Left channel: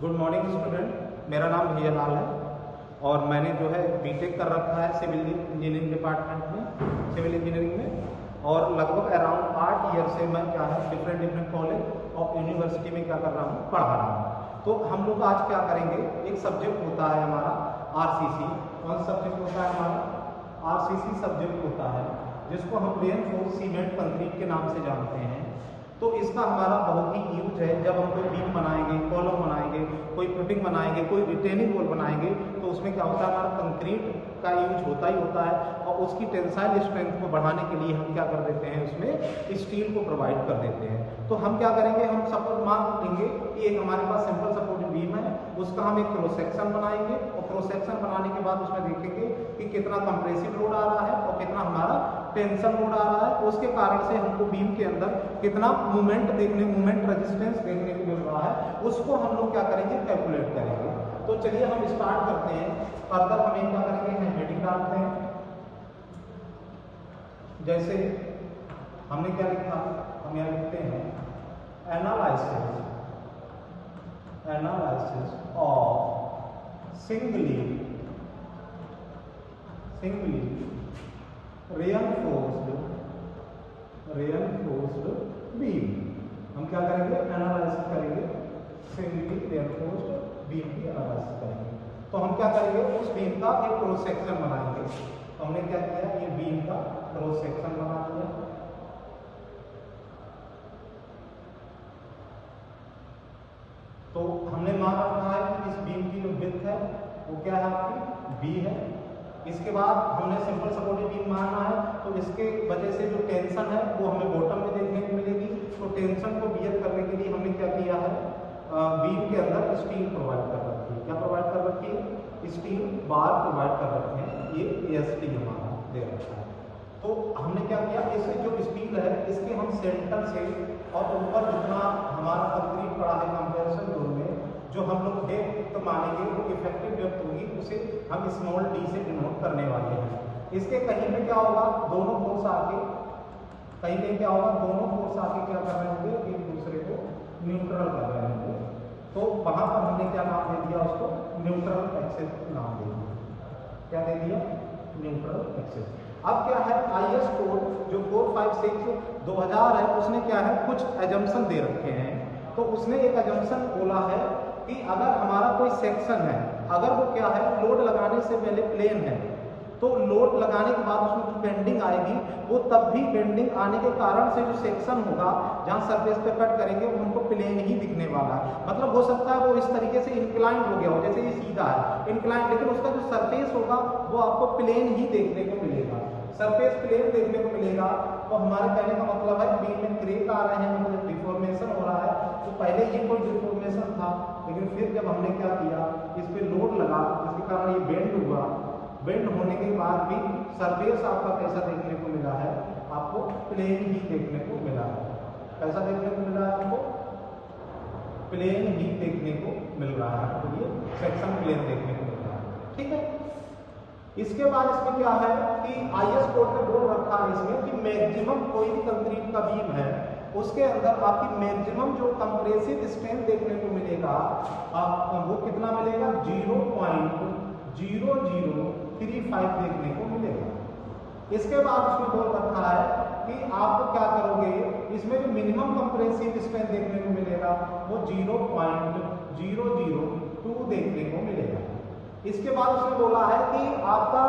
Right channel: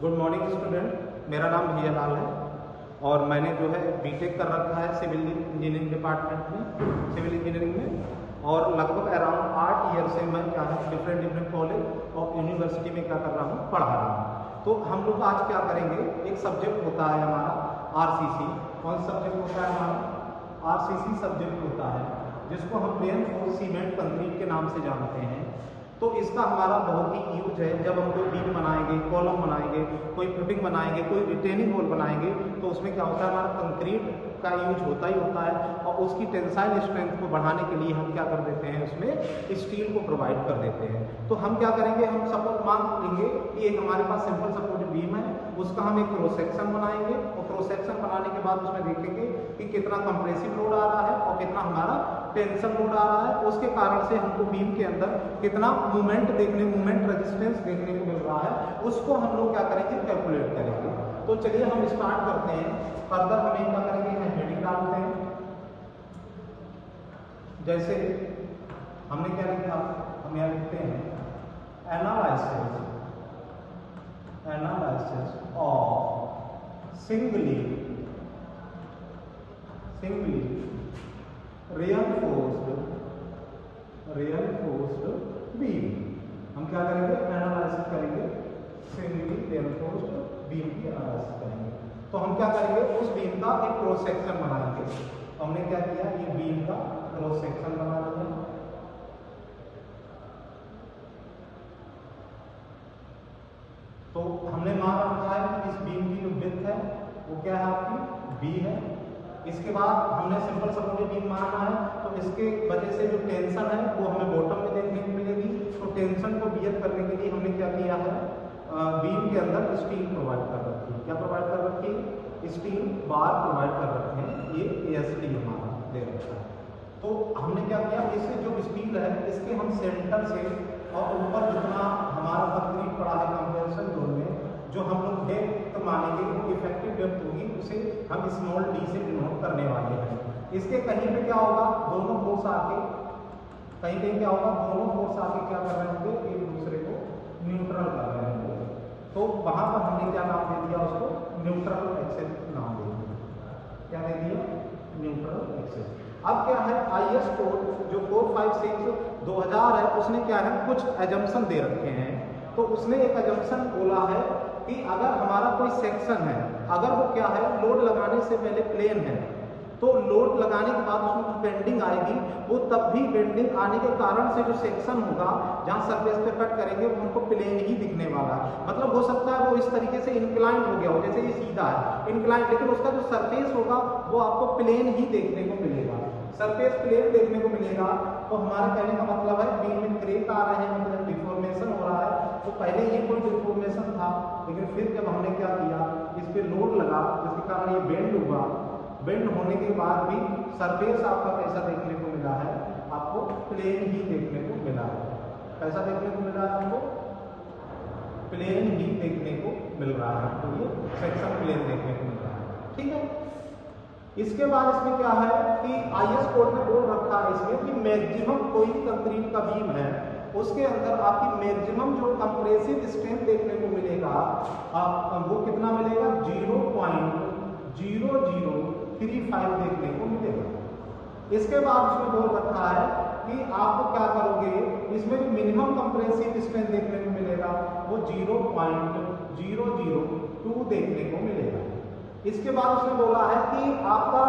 Good morning student, मेरा नाम भैया लाल है और मैंने जो है बीटेक कर रखा है सिविल इंजीनियरिंग डिपार्टमेंट में, सिविल इंजीनियरिंग में। और लगभग अराउंड 8 ईयर से मैं क्या है डिफरेंट कॉलेज और यूनिवर्सिटी में क्या कर रहा हूँ, पढ़ा रहा हूँ। तो हम लोग आज क्या करेंगे, एक सब्जेक्ट होता है हमारा आरसीसी। कौन सब्जेक्ट होता है हमारा? आरसीसी सब्जेक्ट होता है, जिसको हम रेनफोर्स सीमेंट कंक्रीट के नाम से जानते हैं। तो इसका हमारा बहुत ही यूज है जब हम कोई बीम बनाएंगे, कॉलम बनाएंगे, कोई फुटिंग बनाएंगे, कोई रिटेनिंग वॉल बनाएंगे, तो उसमें क्या होता है, हमारा कंक्रीट का यूज होता ही होता है। और उसकी टेंसाइल स्ट्रेंथ को बढ़ाने के लिए हम क्या कर देते हैं, उसमें स्टील को प्रोवाइड कर देते हैं। तो हम क्या करेंगे, हम सपोज मान लेंगे कि एक हमारे पास सिंपल सपोर्ट बीम है, उसका हम एक क्रॉस सेक्शन बनाएंगे और क्रॉस सेक्शन बनाने के बाद उसमें देखेंगे कि कितना कंप्रेसिव लोड आ रहा है और कितना हमारा टेंशन लोड आ रहा है। उसके कारण से हमको बीम के अंदर कितना मूवमेंट रेजिस्टेंस देखने को मिल रहा है, उसको हम लोग क्या करेंगे, कैलकुलेट करेंगे। तो चलिए हम स्टार्ट करते हैं। फर्दर हम क्या करेंगे, हेडिंग डालते हैं। जैसे हमने क्या लिखा, हम यहाँ लिखते हैं analysis of singly reinforced beam. हम क्या करेंगे, एनालिसिस करेंगे, सिंगली रेनफोर्स्ड बीम की एनालिसिस करेंगे। तो हम क्या करेंगे, उस बीम का एक क्रॉस सेक्शन बनाएंगे। तो हमने क्या किया, ये बीम का क्रॉस सेक्शन बना लिया। तो हमने मान रखा है कि इस बीम की जो विड्थ है वो क्या है, आपकी बी है। इसके बाद हमने सिंपल सपोर्टेड बीम माना है, तो इसके वजह से जो टेंशन है वो हमें बॉटम में देखने को मिलेगी। तो टेंशन को बियर करने के लिए हमने क्या किया है, बीम के अंदर स्टील प्रोवाइड कर रखी है। क्या प्रोवाइड कर रखी है, स्टील बार प्रोवाइड कर रखे हैं। ये एएसटी हमारा दे रखा है। तो हमने क्या किया, इसे जो स्टील है इसके हम सेंटर से और ऊपर जितना हमारा कंक्रीट पड़ा है कंप्रेशन जोन में, जो हम लोग डेप्थ मानेंगे वो इफेक्टिव डेप्थ होगी, उसे हम स्मॉल डी से डिनोट करने वाले हैं। इसके कहीं पे क्या होगा, दोनों फोर्स आके कहीं क्या होगा, दोनों फोर्स आके क्या कर रहे होंगे, एक दूसरे को न्यूट्रल कर रहे होंगे। तो वहां पर हमने क्या नाम दे दिया, उसको न्यूट्रल एक्सिस नाम दे दिया। क्या दे दिया, न्यूट्रल एक्सिस। अब क्या है, आईएस कोड जो 456/2000 है, उसने क्या है, कुछ एजम्पशन दे रखे हैं। तो उसने एक एजम्पशन बोला है कि अगर हमारा कोई सेक्शन है, अगर वो क्या है, लोड लगाने से पहले प्लेन है, तो लोड लगाने के बाद उसमें कुछ बेंडिंग आएगी, वो तब भी बेंडिंग आने के कारण से जो सेक्शन होगा जहां सरफेस पे कट करेंगे वो हमको प्लेन ही दिखने वाला है। मतलब हो सकता है वो इस तरीके से इंक्लाइन हो गया हो, जैसे ये सीधा है इंक्लाइन, लेकिन उसका जो सरफेस होगा वो आपको प्लेन ही देखने को मिलेगा, सरफेस प्लेन देखने को मिलेगा। तो हमारे कहने का मतलब है बीम में क्रैक आ रहे हैं, मतलब डिफॉर्मेशन हो रहा है। तो पहले ये कोई डिफॉर्मेशन था, लेकिन फिर जब हमने क्या किया, इस पे लोड लगा, जिसके कारण ये बेंड हुआ। बेंड होने के बाद भी सरफेस आपका कैसा देखने को मिला है, आपको प्लेन ही देखने को मिला है। कैसा देखने को मिला है, आपको प्लेन ही देखने को मिल रहा है। तो ये सेक्शन प्लेन देखने को मिल रहा है, ठीक है। इसके बाद इसमें क्या है कि आईएस कोड में बोल रखा है इसमें कि मैक्सिमम कोई भी कंक्रीट का बीम है, उसके अंदर आपकी मैक्सिमम जो कंप्रेसिव स्ट्रेंथ देखने को मिलेगा, वो कितना मिलेगा, 0.0035 देखने को मिलेगा। इसके बाद उसमें बोल रखा है कि आपको क्या करोगे, इसमें जो मिनिमम कंप्रेसिव स्ट्रेंथ देखने को मिलेगा वो 0.002 देखने को मिलेगा। इसके बाद उसने बोला है कि आपका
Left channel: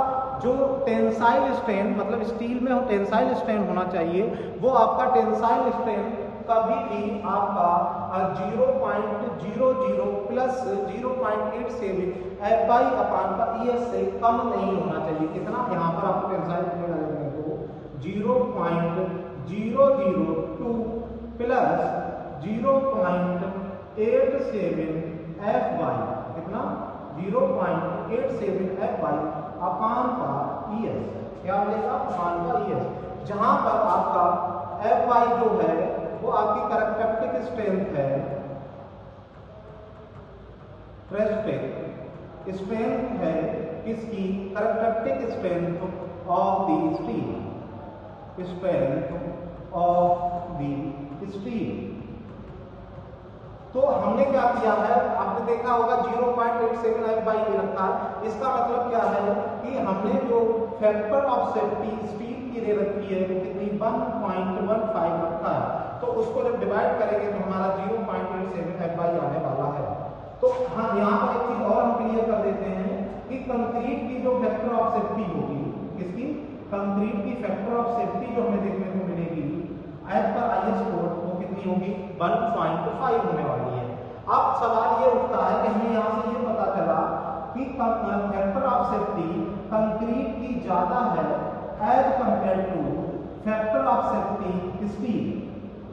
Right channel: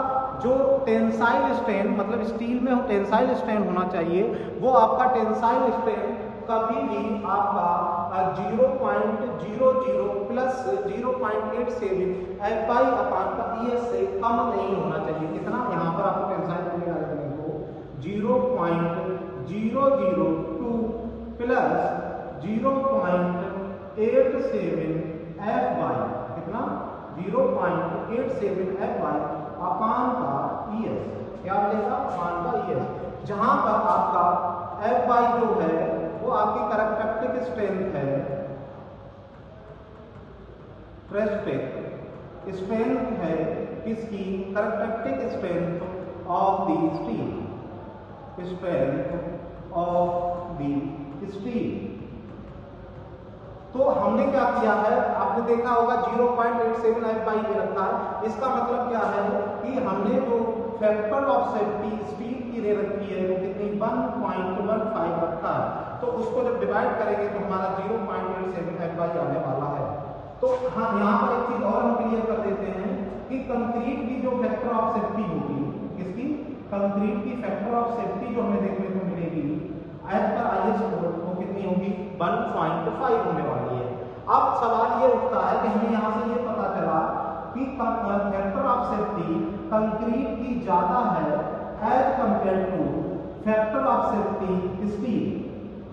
जो टेंसाइल स्ट्रेन, मतलब स्टील में टेंसाइल स्ट्रेन होना चाहिए, वो आपका टेंसाइल स्ट्रेन कभी भी आपका 0.00 प्लस 0.87 FI/ES से कम नहीं होना चाहिए। कितना, यहाँ पर आपको टेंसाइल मिलेगा देखने को 0.002 प्लस 0.87 FY, कितना 0.87 FY/ES। क्या मिलेगा, अपान का ES, जहां पर आपका FY जो है वो आपकी कैरेक्टरिस्टिक स्ट्रेंथ है, स्ट्रेंथ है किसकी, characteristic strength of the steel, strength of the steel. तो हमने क्या किया है, आपने देखा होगा 0.87 f बाई ए रखा है। इसका मतलब क्या है कि हमने जो फैक्टर ऑफ सेफ्टी स्टील की रे रखी है वो कितनी 1.15 रखा है। तो उसको जब डिवाइड करेंगे तो हमारा 0.87 f बाई आने वाला है। तो हाँ, यहाँ पर एक चीज और हम क्लियर कर देते हैं कि कंक्रीट की जो फैक्टर ऑफ सेफ्टी होगी, इसकी कंक्रीट की फैक्टर ऑफ सेफ्टी जो हमें देखने को मिलेगी एज पर IS कोड वो कितनी होगी 1.5 होने वाली है। अब सवाल ये उठता है कि हमें यहाँ से ये पता चला कि फैक्टर ऑफ सेफ्टी कंक्रीट की ज्यादा है as compare to factor of safety steel,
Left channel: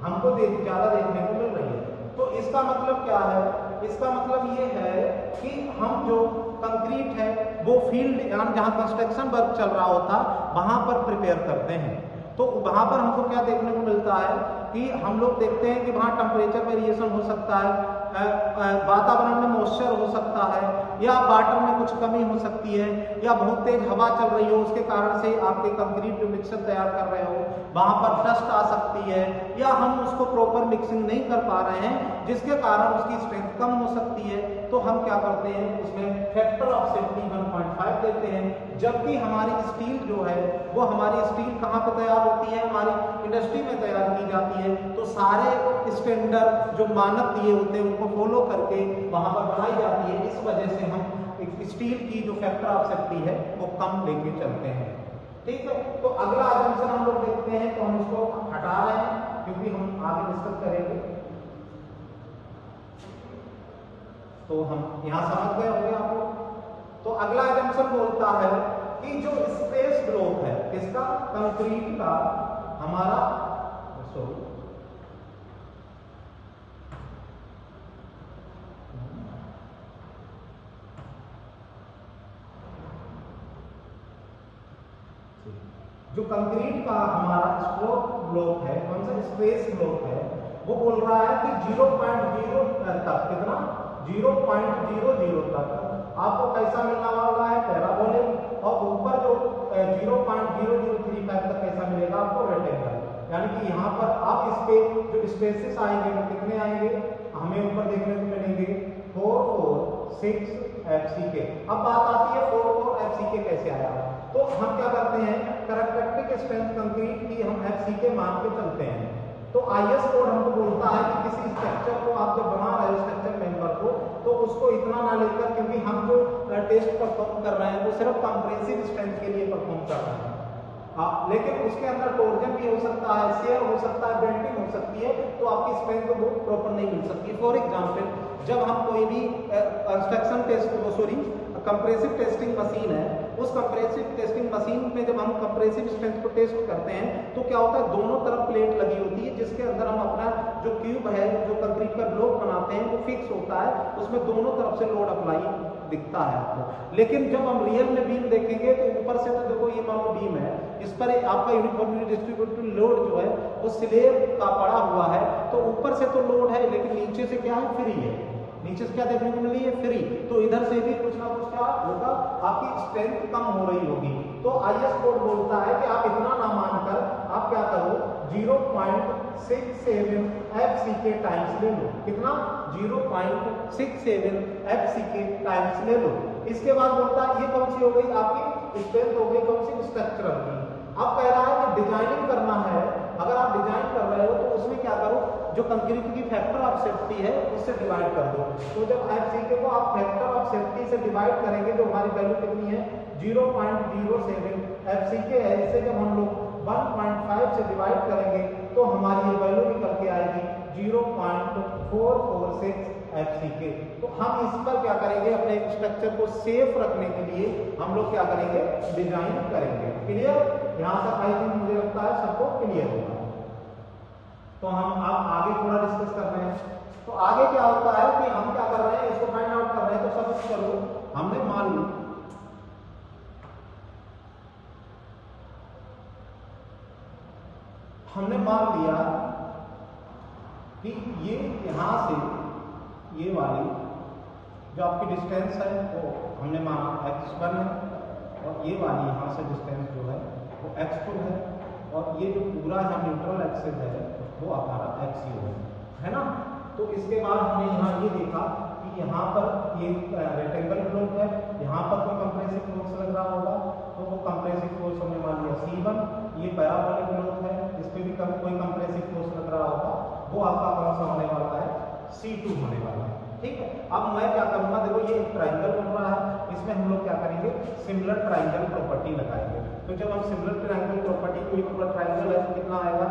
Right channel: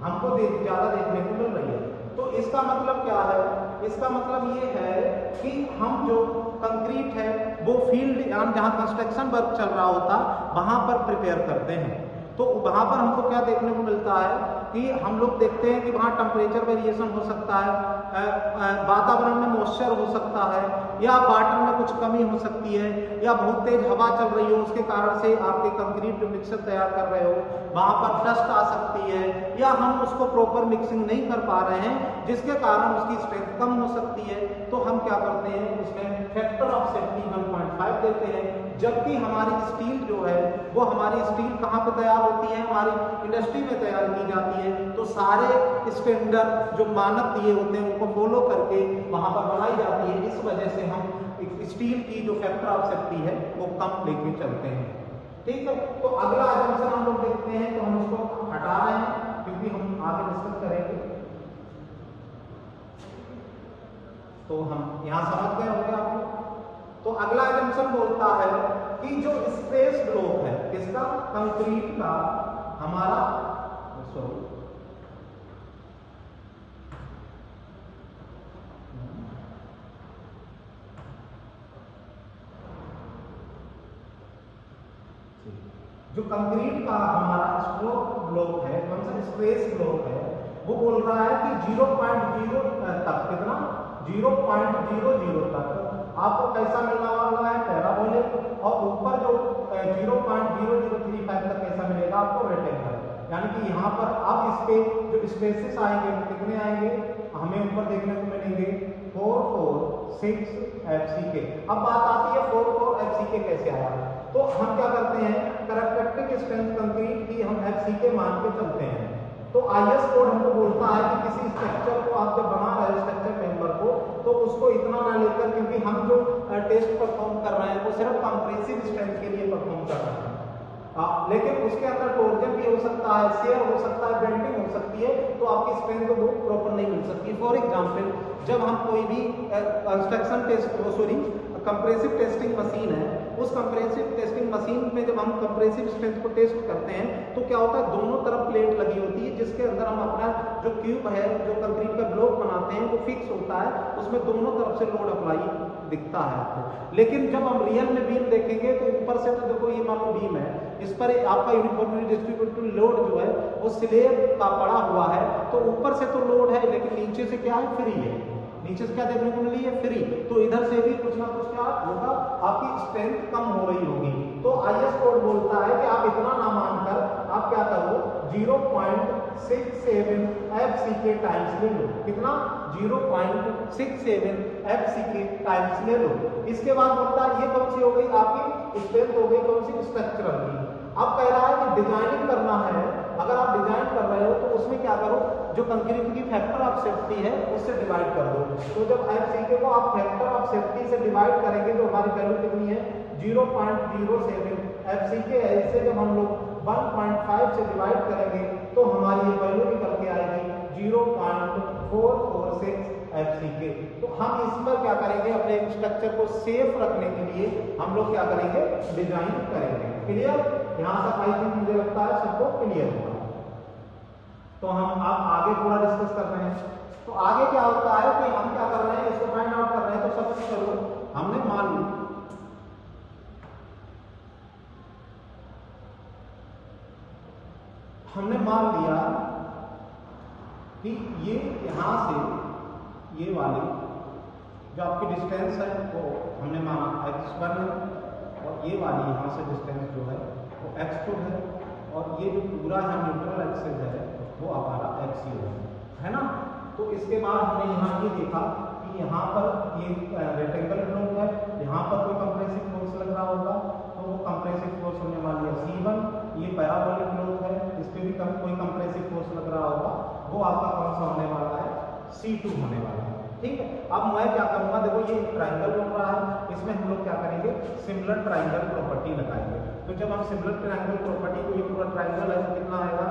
हमको ज्यादा देखने को मिल रही है। तो इसका मतलब क्या है, इसका मतलब ये है कि हम जो कंक्रीट है वो फील्ड यानी जहां कंस्ट्रक्शन वर्क चल रहा होता वहां पर प्रिपेयर करते हैं। तो वहां पर हमको क्या देखने को मिलता है कि हम लोग देखते हैं कि वहां टेम्परेचर वेरिएशन हो सकता है, वातावरण में मॉइस्चर हो सकता है, या वाटर में कुछ कमी हो सकती है, या बहुत तेज हवा चल रही हो उसके कारण से आपके कंक्रीट जो मिक्सर तैयार कर रहे हो वहां पर डस्ट आ सकती है, या हम उसको प्रॉपर मिक्सिंग नहीं कर पा रहे हैं जिसके कारण उसकी स्ट्रेंथ कम हो सकती है। तो हम क्या करते हैं उसमें फैक्टर ऑफ सेफ्टी 1.5 देते हैं। जबकि हमारी स्टील जो है वो हमारी स्टील कहाँ पे तैयार होती है, हमारी इंडस्ट्री में तैयार की जाती है। तो सारे स्टैंडर्ड जो मानक दिए होते हैं उनको फॉलो करके वहां पर बनाई जाती है। इस वजह से हम स्टील की जो फैक्टर ऑफ सेफ्टी है वो कम लेके चलते हैं। ठीक है, तो अगला एजम्पशन हम लोग देखते हैं, तो हम उसको हटा रहे हैं क्योंकि हम आगे डिस्कस करेंगे। तो हम यहां समझ गए होंगे आप लोग। तो अगला एजम्पशन बोलता है कि जो स्ट्रेस ब्लॉक है किसका, कंक्रीट का, हमारा सॉरी जो कंक्रीट का हमारा स्ट्रोक ब्लॉक है, कौन सा स्ट्रेस ब्लॉक है, वो बोल रहा है कि 0.0 तक, कितना 0.00 तक आपको कैसा मिलने वाला है, पैराबोलिक, और ऊपर जो 0.0035 तक कैसा मिलेगा आपको, रेक्टेंगल। यानी कि यहाँ पर आप इस पे जो स्पेसेस आएंगे वो कितने आएंगे, हमें ऊपर देखने को मिलेंगे 4, 4, 6 FCK। अब बात आती है 4, 4 FCK कैसे आया। तो हम क्या करते हैं, कैरेक्टरिस्टिक स्ट्रेंथ कंक्रीट की हम FCK मान के चलते हैं। तो IS कोड हमको बोलता है कि किसी स्ट्रक्चर को आप जब बना रहे हो, स्ट्रक्चर मेंबर को, तो उसको इतना ना लेकर, क्योंकि हम जो टेस्ट परफॉर्म कर रहे हैं वो सिर्फ कंप्रेसिव स्ट्रेंथ के लिए परफॉर्म कर रहे हैं। लेकिन उसके अंदर टोर्जन भी हो सकता है, शेयर हो सकता है, बेंडिंग हो सकती है, तो आपकी स्ट्रेंथ वो प्रॉपर नहीं मिल सकती। फॉर एग्जांपल, जब हम कोई भी construction test, sorry compressive testing machine है, उस कंप्रेसिव टेस्टिंग मशीन में जब हम कंप्रेसिव स्ट्रेंथ को टेस्ट करते हैं तो क्या होता है, दोनों तरफ प्लेट लगी होती है जिसके अंदर हम अपना जो क्यूब है, जो कंक्रीट का ब्लॉक बनाते हैं वो फिक्स होता है, उसमें दोनों तरफ से लोड अप्लाई दिखता है आपको। लेकिन जब हम रियल में बीम देखेंगे तो ऊपर से तो देखो ये मान लो बीम है, इस पर आपका यूनिफॉर्मली डिस्ट्रीब्यूटेड लोड जो है वो स्लेब का पड़ा हुआ है, तो ऊपर से तो लोड है लेकिन नीचे से क्या है, फ्री है। नीचे से क्या देखने को मिली है, फ्री। तो इधर से भी कुछ ना कुछ क्या होगा, आपकी स्ट्रेंथ कम हो रही होगी। तो IS कोड बोलता है कि आप इतना ना मानकर आप क्या करो, 0.67 FCK टाइम्स ले लो। कितना, 0.67 FCK टाइम्स ले लो। इसके बाद बोलता है ये कौन सी हो गई, आपकी स्ट्रेंथ हो गई कौन सी, स्ट्रक्चरल की। अब कह रहा है कि डिजाइनिंग करना है, अगर आप डिजाइन कर रहे हो तो उसमें क्या करो, जो कंक्रीट की फैक्टर ऑफ सेफ्टी है उससे डिवाइड कर दो। तो जब FCK को आप फैक्टर ऑफ सेफ्टी से डिवाइड करेंगे तो हमारी वैल्यू कितनी है, 0.07 FCK है। इसे जब हम लोग 1.5 से डिवाइड करेंगे तो हमारी ये वैल्यू निकल के आएगी 0.446 FCK। तो हम इस पर क्या करेंगे, अपने स्ट्रक्चर को सेफ रखने के लिए हम लोग क्या करेंगे, डिजाइन करेंगे। क्लियर, यहां तक आई थिंक मुझे लगता है सबको क्लियर होगा। तो हम अब आगे थोड़ा डिस्कस कर रहे हैं। तो आगे क्या होता है कि हम क्या कर रहे हैं, इसको फाइंड आउट कर रहे हैं। तो सब करो, हमने मान लिया कि ये यहां से ये वाली जो आपकी डिस्टेंस है वो हमने माना x1 है, और ये वाली यहाँ से डिस्टेंस जो है वो x2 है, और ये जो पूरा है न्यूट्रल एक्सिस है वो हमारा x0 है ना। तो इसके बाद हमने यहाँ ये देखा कि यहाँ पर ये रेक्टेंगल ब्लॉक है, यहाँ पर कोई कंप्रेसिव फोर्स लग रहा होगा, तो वो कंप्रेसिव फोर्स हमने मान लिया C1। ये पैराबोलिक ब्लॉक है, इस पे भी कोई कंप्रेसिव फोर्स लग रहा होगा, वो आपका कौन सा होने वाला है, C2 होने वाला है। ठीक है, अब मैं क्या करूंगा, देखो ये ट्राइंगल बन रहा है, इसमें हम लोग क्या करेंगे, सिमिलर ट्राइंगल प्रॉपर्टी लगाएंगे। तो जब हम सिमिलर ट्राइंगल प्रॉपर्टी को, ये पूरा ट्राइंगल है तो कितना आएगा,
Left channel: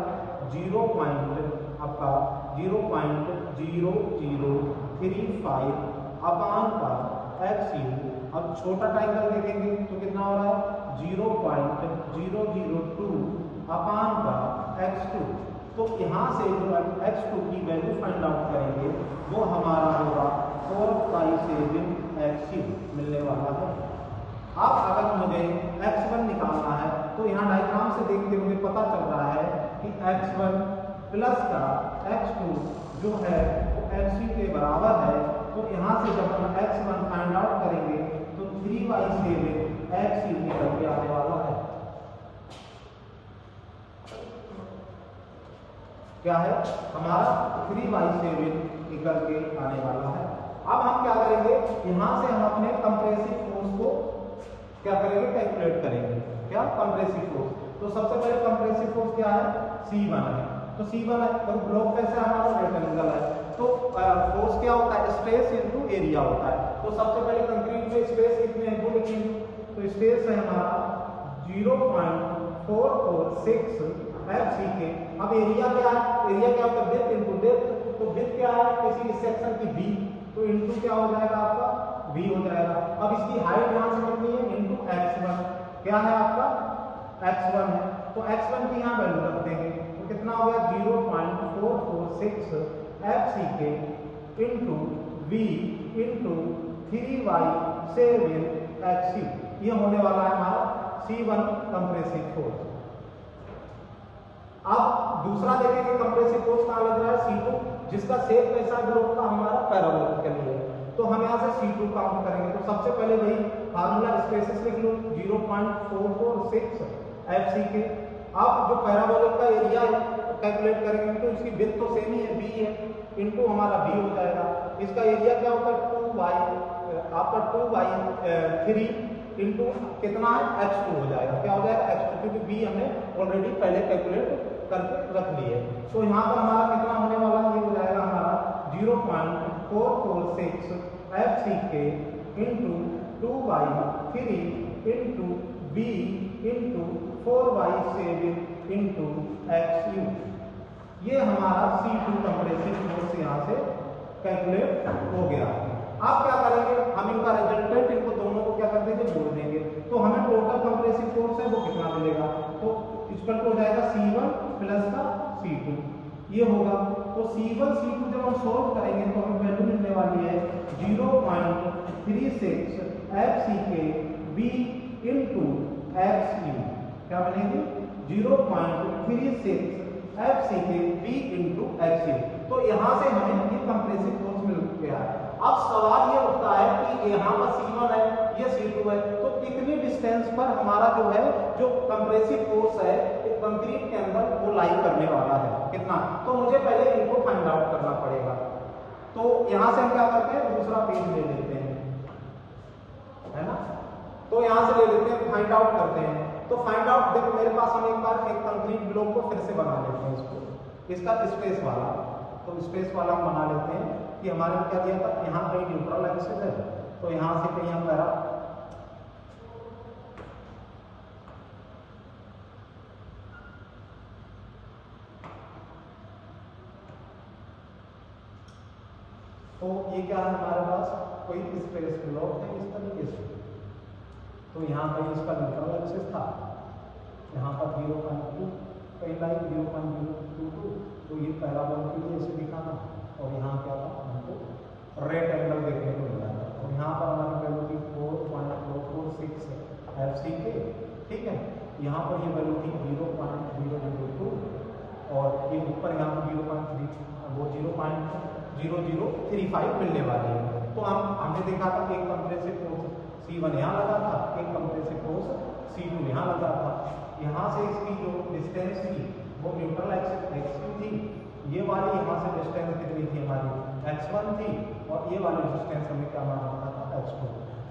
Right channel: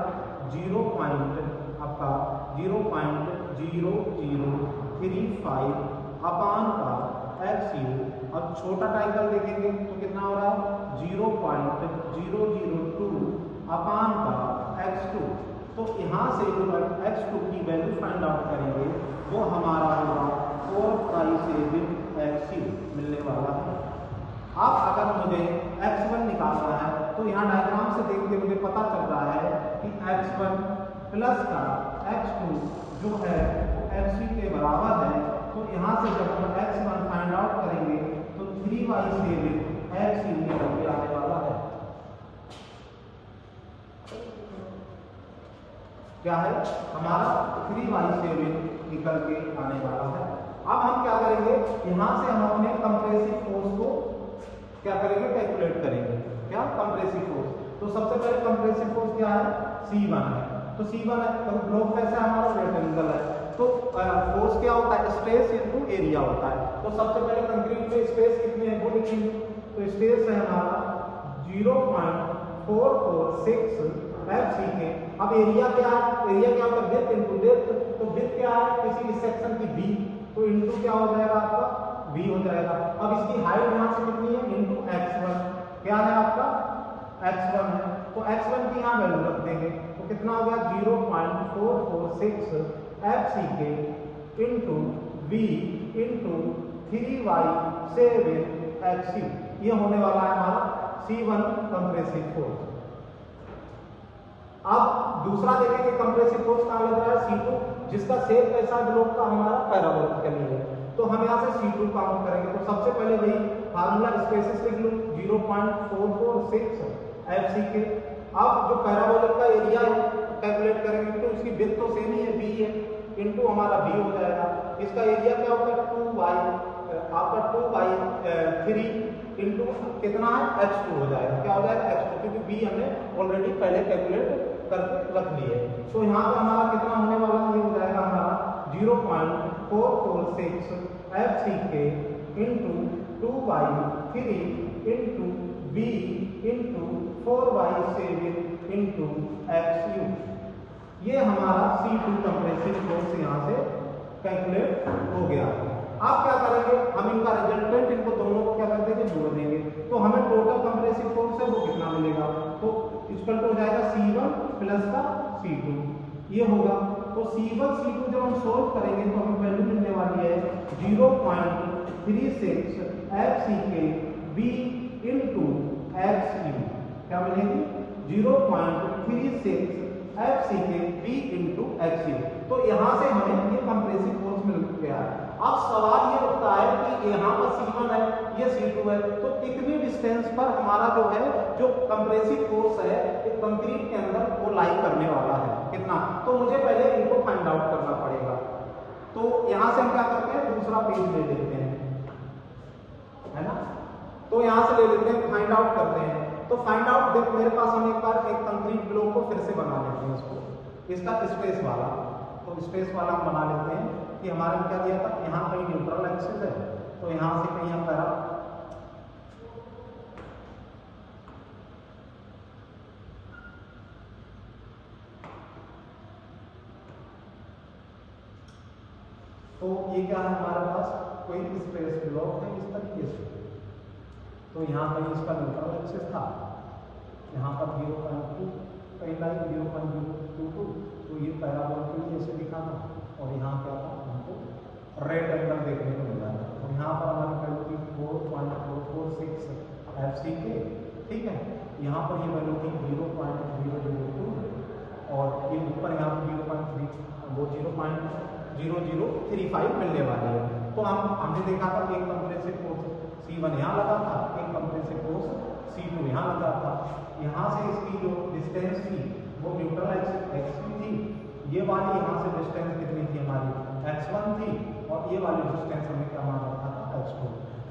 0.0035 अपान का XU। अब छोटा ट्राइंगल देखेंगे तो कितना हो रहा है, 0.002 अपान का X2। तो यहाँ से जो X2 की वैल्यू फाइंड आउट करेंगे वो हमारा होगा 4π7XU मिलने वाला है। अब अगर मुझे X1 निकालना है तो यहाँ डायग्राम से देख के मुझे पता चल रहा है कि X1 प्लस का X2 जो है वो XC के बराबर है। तो यहाँ से जब हम X1 फाइंड आउट करेंगे तो 3y7XU निकल के आने वाला है। क्या है हमारा, 3y7 निकल के आने वाला है। अब हम क्या करेंगे, यहाँ से हम अपने कंप्रेसिव फोर्स को क्या करेंगे, कैलकुलेट करेंगे। क्या कंप्रेसिव फोर्स, तो सबसे पहले कंप्रेसिव फोर्स क्या है, C1 है। तो C1 है, तो ब्लॉक कैसा है हमारा, रेक्टेंगल है। तो फोर्स क्या होता है, स्पेस इनटू एरिया होता है। तो सबसे पहले कंक्रीट में स्पेस कितने हैं वो लिखेंगे। तो स्पेस है हमारा 0.446 FC के। अब एरिया क्या है, एरिया क्या होता है, विड्थ इनटू डेप्थ। तो विड्थ क्या है किसी सेक्शन की B, तो इनटू क्या हो जाएगा आपका V हो जाएगा। अब इसकी हाइट यहाँ से कितनी है, इनटू X1 क्या है आपका, X1 है। तो X1 की यहाँ वैल्यू रख देंगे तो कितना हो गया, 0.446 FC के इनटू V इनटू 3y7XU। ये होने वाला है हमारा C1 कंप्रेसिव फोर्स। अब दूसरा देखेंगे कंप्रेसिव फोर्स कहाँ लग रहा है, C2, जिसका शेप कैसा ब्लॉक का हमारा पैराबोलिक के लिए है। तो हम यहाँ से C2 काउंट करेंगे। तो सबसे पहले वही फार्मूला स्पेसिस लिख लो, 0.446 FC के। अब जो पैराबोलिक का एरिया है कैलकुलेट करेंगे तो उसकी विड्थ तो सेम ही है, B है, इनटू हमारा B हो जाएगा। इसका एरिया क्या होता है, 2y आपका 2y3 इनटू कितना है, X2 हो जाएगा। क्या हो जाएगा, X2, क्योंकि B हमने ऑलरेडी पहले कैलकुलेट करके रख लिए। तो यहाँ पर हमारा कितना होने वाला है, ये हो जाएगा हमारा 0.446 FC के into 2y3 into B into 4y7 into XU। ये हमारा C2 कंप्रेसिव फोर्स यहाँ से कैलकुलेट हो गया। आप क्या करेंगे, हम इनका रिजल्टेंट, इनको दोनों को क्या कर देंगे, जोड़ देंगे। तो हमें टोटल कंप्रेसिव फोर्स है वो कितना मिलेगा, तो इक्वल टू हो जाएगा C1 प्लस का C2 ये होगा। तो C1 C2 जब हम सोल्व करेंगे तो हमें वैल्यू मिलने वाली है 0.36 FC के B इनटू XU। क्या मिलेगी, 0.36 FC के B इनटू XU। तो यहाँ से हमें ये कंप्रेसिव फोर्स मिल गया है। अब सवाल ये उठता है कि यहाँ पर C1 है, ये C2 है, तो कितनी डिस्टेंस पर हमारा जो है जो कंप्रेसिव फोर्स है कंक्रीट के अंदर वो लाई करने वाला है, कितना। तो मुझे पहले इनको फाइंड आउट करना पड़ेगा। तो यहाँ से हम क्या करते हैं, दूसरा पेज ले लेते हैं, है ना। तो यहाँ से ले लेते हैं, फाइंड आउट करते हैं। तो फाइंड आउट, देखो मेरे पास हम एक बार एक कंक्रीट ब्लॉक को फिर से बना लेते हैं, इसको, इसका स्पेस वाला। तो स्पेस वाला हम बना लेते हैं कि हमारे क्या दिया था, यहाँ कहीं न्यूट्रल एक्सिस है, तो यहाँ से कहीं हम पैरा तो ये क्या है हमारे पास, कोई स्पेस ब्लॉक है इस तरीके से। तो यहाँ कहीं इसका न्यूट्रल एक्सिस था, यहाँ पर 0.2 कहीं लाइक 0.022, तो ये पैराबोल के लिए ऐसे दिखा था। और यहाँ क्या था, हमको रेड एंगल देखने को मिला था। तो यहाँ पर हमारी वैल्यू थी 4.446 FC के, ठीक है। यहाँ पर ये वैल्यू थी 0.002 और ये ऊपर यहाँ पर 0.035 मिलने वाली है। तो हमने देखा था एक कंप्रेसिव फोर्स C1 यहाँ लगा था, एक कंप्रेसिव फोर्स C2 यहाँ लगा था। यहाँ से इसकी जो डिस्टेंस थी वो न्यूट्रल एक्सिस थी, ये वाली यहाँ से डिस्टेंस कितनी थी हमारी, x1 थी, और ये वाली डिस्टेंस हमने क्या मान रखा था, x2।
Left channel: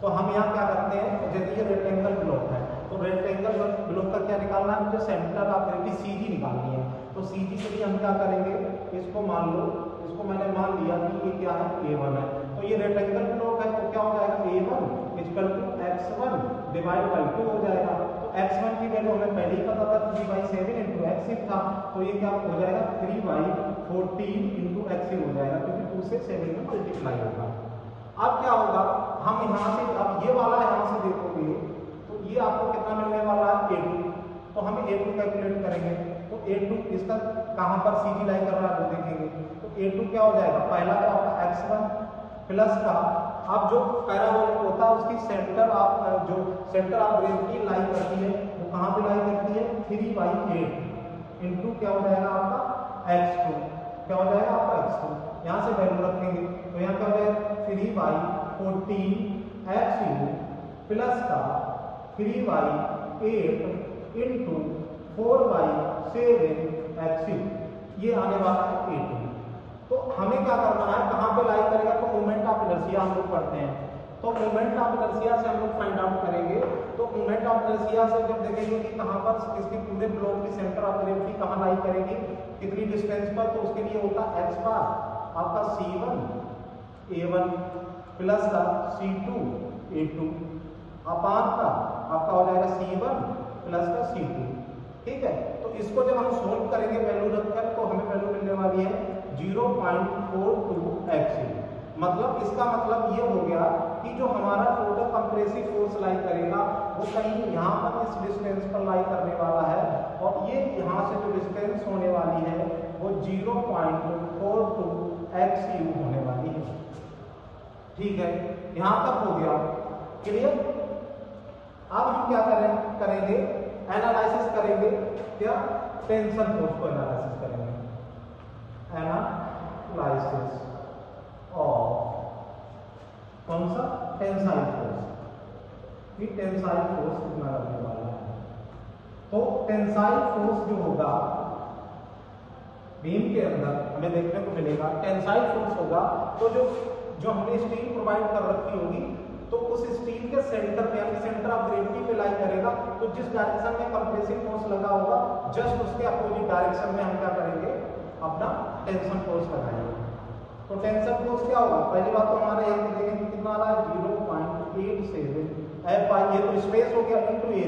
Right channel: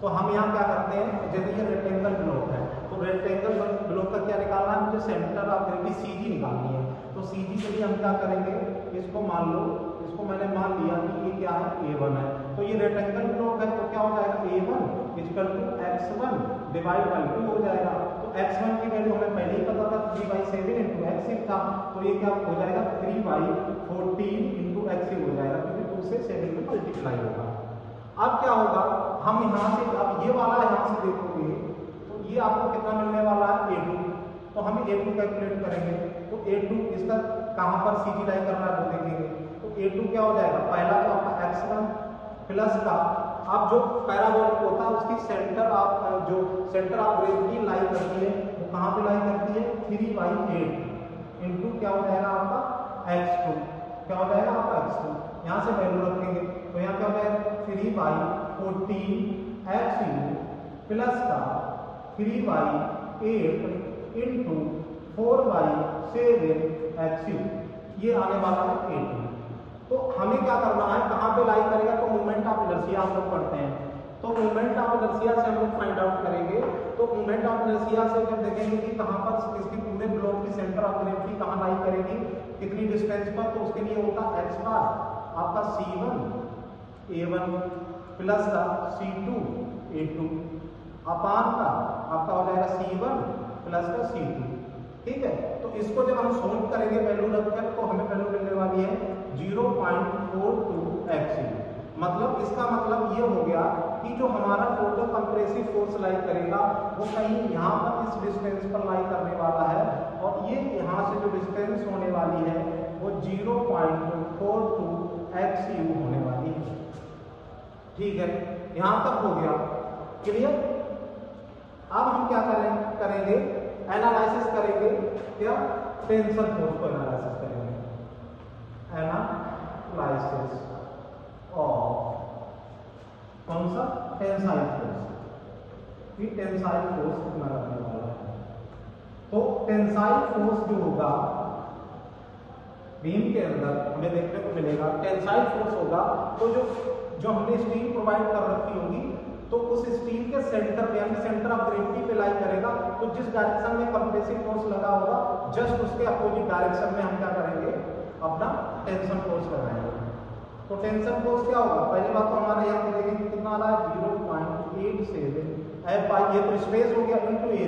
तो हम यहाँ क्या करते हैं, जैसे ये रेक्टेंगल ब्लॉक है, तो रेक्टेंगल ब्लॉक का क्या निकालना है, मुझे सेंटर ऑफ ग्रेविटी सीजी निकालनी है। तो सीजी के लिए हम क्या करेंगे, इसको मान लो, इसको मैंने मान लिया कि ये क्या है, A1 है। तो ये रेक्टेंगल ब्लॉक है, तो क्या हो जाएगा, A1 equal to x1 divide by 2 हो जाएगा। तो x1 की वैल्यू हमें पहले ही पता था 3/7 इंटू x था, तो ये क्या हो जाएगा, 3/14 इंटू x हो जाएगा, क्योंकि 2 से 7 में मल्टीप्लाई होगा। अब क्या होगा, हम यहाँ से, अब ये वाला यहाँ से देखोगे तो ये आपको कितना मिलने वाला है, A2। तो हम A2 कैलकुलेट करेंगे, तो A2 इसका कहाँ पर सीजी लाई कर रहा है वो देखेंगे। तो A2 क्या हो जाएगा, पहला तो आपका x1 प्लस का, अब जो पैराबोलिक होता है उसकी सेंटर ऑफ जो सेंटर ऑफ ग्रेविटी लाई करती है, वो कहाँ पे लाई करती है, 3/8 इंटू क्या हो जाएगा आपका x2, क्या हो जाएगा आपका x2। यहाँ से वैल्यू रखेंगे, तो यहाँ क्या हो जाएगा 3/14 x प्लस का 3/8 इंटू 4/7 x, ये आने वाला है A2। तो हमें क्या करना है, कहाँ पे लाई करेगा, तो मोमेंट ऑफ इनर्शिया हम लोग पढ़ते हैं, तो मोमेंट ऑफ इनर्शिया से हम लोग फाइंड आउट करेंगे। तो मोमेंट ऑफ इनर्शिया से जब देखेंगे कि कहाँ पर इसके पूरे ब्लॉक की सेंटर ऑफ ग्रेविटी कहाँ लाई करेगी, कितनी डिस्टेंस पर, तो उसके लिए होता है x बार आपका C1 A1 प्लस का C2 A2 अपान का आपका हो जाएगा C1 प्लस का C2। ठीक है, तो इसको जब हम सोल्व करेंगे वैल्यू रखकर, तो हमें वैल्यू मिलने वाली है 0.42 x। मतलब इसका मतलब ये हो गया कि जो हमारा टोटल कंप्रेसिव फोर्स लाई करेगा वो कहीं यहाँ पर इस डिस्टेंस पर लाई करने वाला है, और ये यहाँ से जो डिस्टेंस होने वाली है वो 0.42 XU होने वाली है। ठीक है, यहाँ तक हो गया क्लियर। अब हम क्या करेंगे, एनालिसिस करेंगे, क्या, टेंशन फोर्स को एनालिसिस करेंगे, एनालिसिस ऑफ कौन सा, टेंसाइल फोर्स, कि टेंसाइल फोर्स कितना लगने वाला है। तो टेंसाइल फोर्स जो होगा बीम के अंदर हमें देखने को मिलेगा, टेंसाइल फोर्स होगा, तो जो हमने स्टील प्रोवाइड कर रखी होगी, तो उस स्टील के सेंटर पे यानी सेंटर ऑफ ग्रेविटी पे लाई करेगा, तो जिस डायरेक्शन में कंप्रेसिव फोर्स लगा होगा जस्ट उसके अपोजिट डायरेक्शन में हम क्या करेंगे, अपना टेंशन फोर्स लगाएंगे। तो टेंशन फोर्स क्या होगा, पहली बात तो हमारे यहाँ देखेंगे कितना आ रहा है 0.87 F, ये तो स्पेस हो गया इंटू